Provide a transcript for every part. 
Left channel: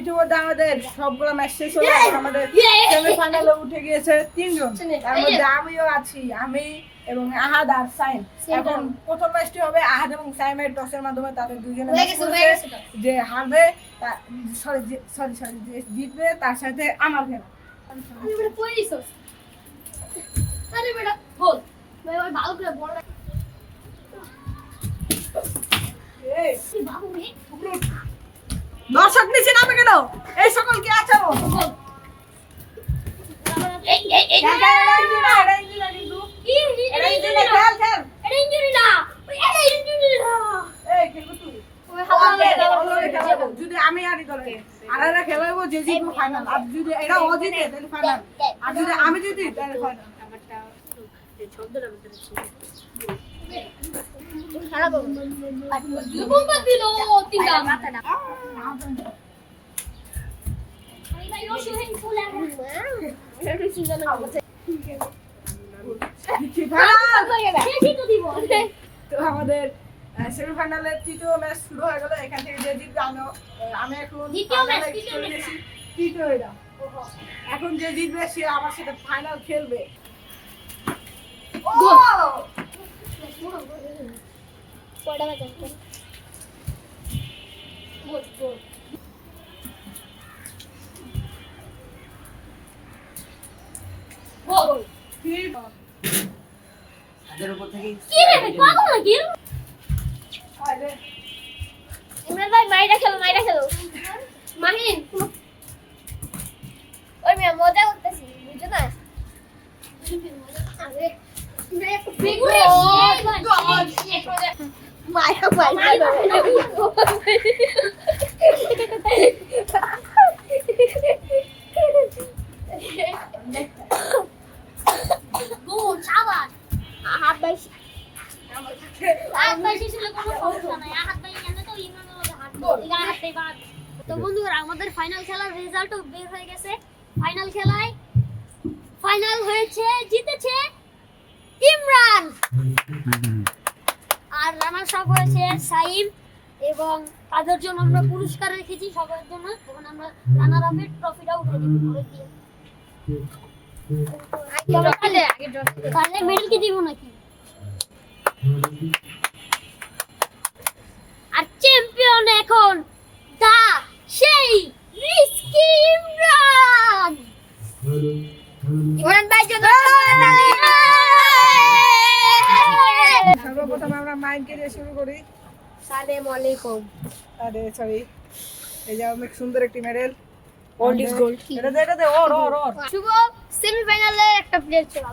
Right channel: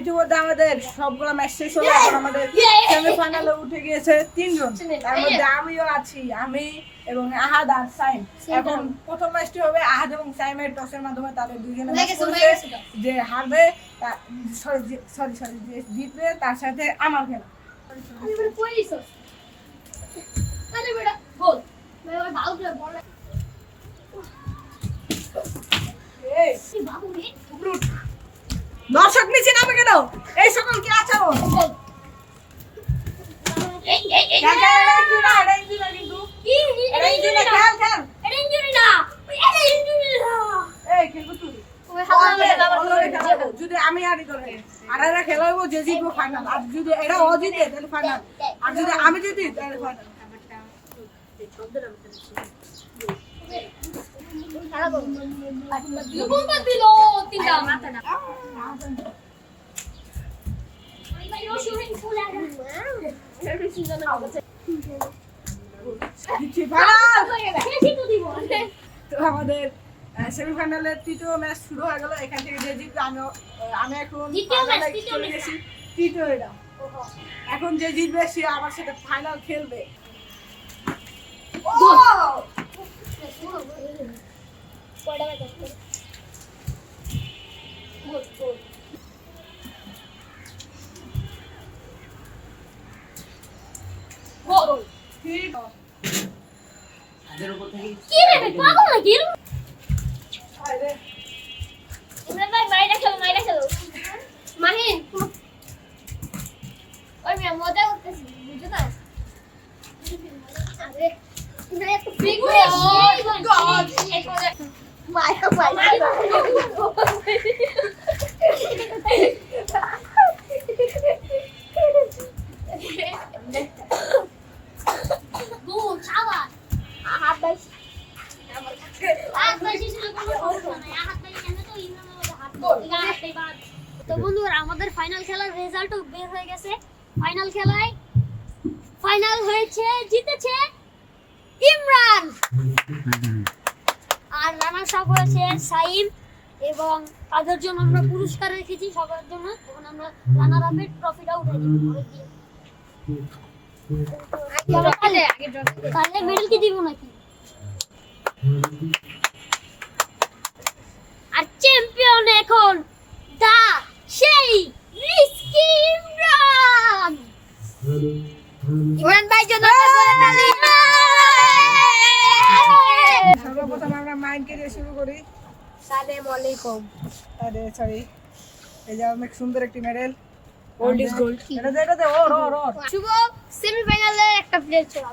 ইতিমধ্যে আমাদের সবগুলো ম্যাচ শেষ হলো। এখন আমাদের সেমিফাইনালে উঠে গিয়েছে 3 জন, তার মধ্যে আমিও আছি, আমি এবং আহাদ আর সাইম। এখন প্রথম ম্যাচটি হবে আহাদ এবং সাইমের টসের মাধ্যমে, তাদের দুজনে ম্যাচ করেছে। যে হারবে সরি যে জিতবে তার সাথে আমার খেলা। দর্শক নিচে নামে কেন? এই সকল কি আছে? যদি আমি আরি করে আর খেলাবো যে জিতবো ফাইনাল, আর যদি এরা ও জিতে তাহলে ফাইনাল, আর যদি আমি জিতি তাহলে ফাইনাল। আমাদের সেমিফাইনালের তৃতীয় ম্যাচ শুরু হয়ে গেল। এখান থেকে যে জিতবে আমি এখন চলে গেছি তৃতীয় এটা। এখন যে জিতবে সে আমার সাথে ফাইনাল খেলবে। তো বন্ধুরা, আমাদের ফাইনাল খেলার রেজাল্টও বের হয়ে গেছে। ফাইনাল খেলায় ফাইনাল হয়েছে, জিতেছে ইমরান, আর রানার্স আপ হয়েছে সাইম। এবং তাদের জন্য আমরা পুরস্কার রেখেছি সবার জন্য। এখন আমরা রানার আপের ট্রফিটা উঠে দিব। তাহলে মেডেল কি দিব নাকি? আর চ্যাম্পিয়ন এখন দা সেই রিস্কি ইমরান। ইমরান ভাই জন্য সর্বপ্রথম আমরা মাইন্ডকে দিয়ে শুরু করি। আসসালামু আলাইকুম। আরে সরি, এই যে অনেক সুন্দর একটি মেডেল। Gold is gold. এটা দে ওর শুভ সেমিফাইনালে একটা প্লেয়ার ছিল,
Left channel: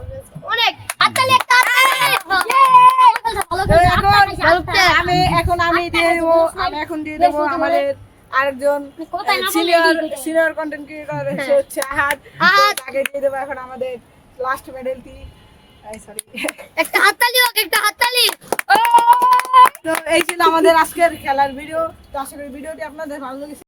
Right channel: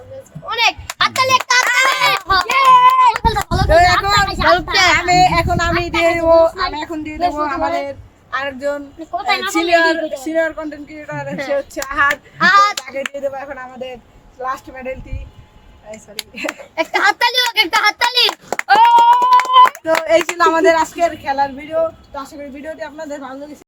অনেক হাততালি, একটা হাততালি। আমি এখন দিয়ে দেবো আমাদের আরেকজন সিনিয়র কন্টেন্ট ক্রিয়েটর, সে হচ্ছে আহাদ। তাকে দিয়ে দেবো এখন আমাদের লাস্ট মেডেলটি। একটা হাততালি হোক, একটা হাততালি। তো এই ছিল আমাদের আজকের খেলার ভিডিও। তো আশা করি ভিডিওটি আপনাদের ভালো লেগেছে।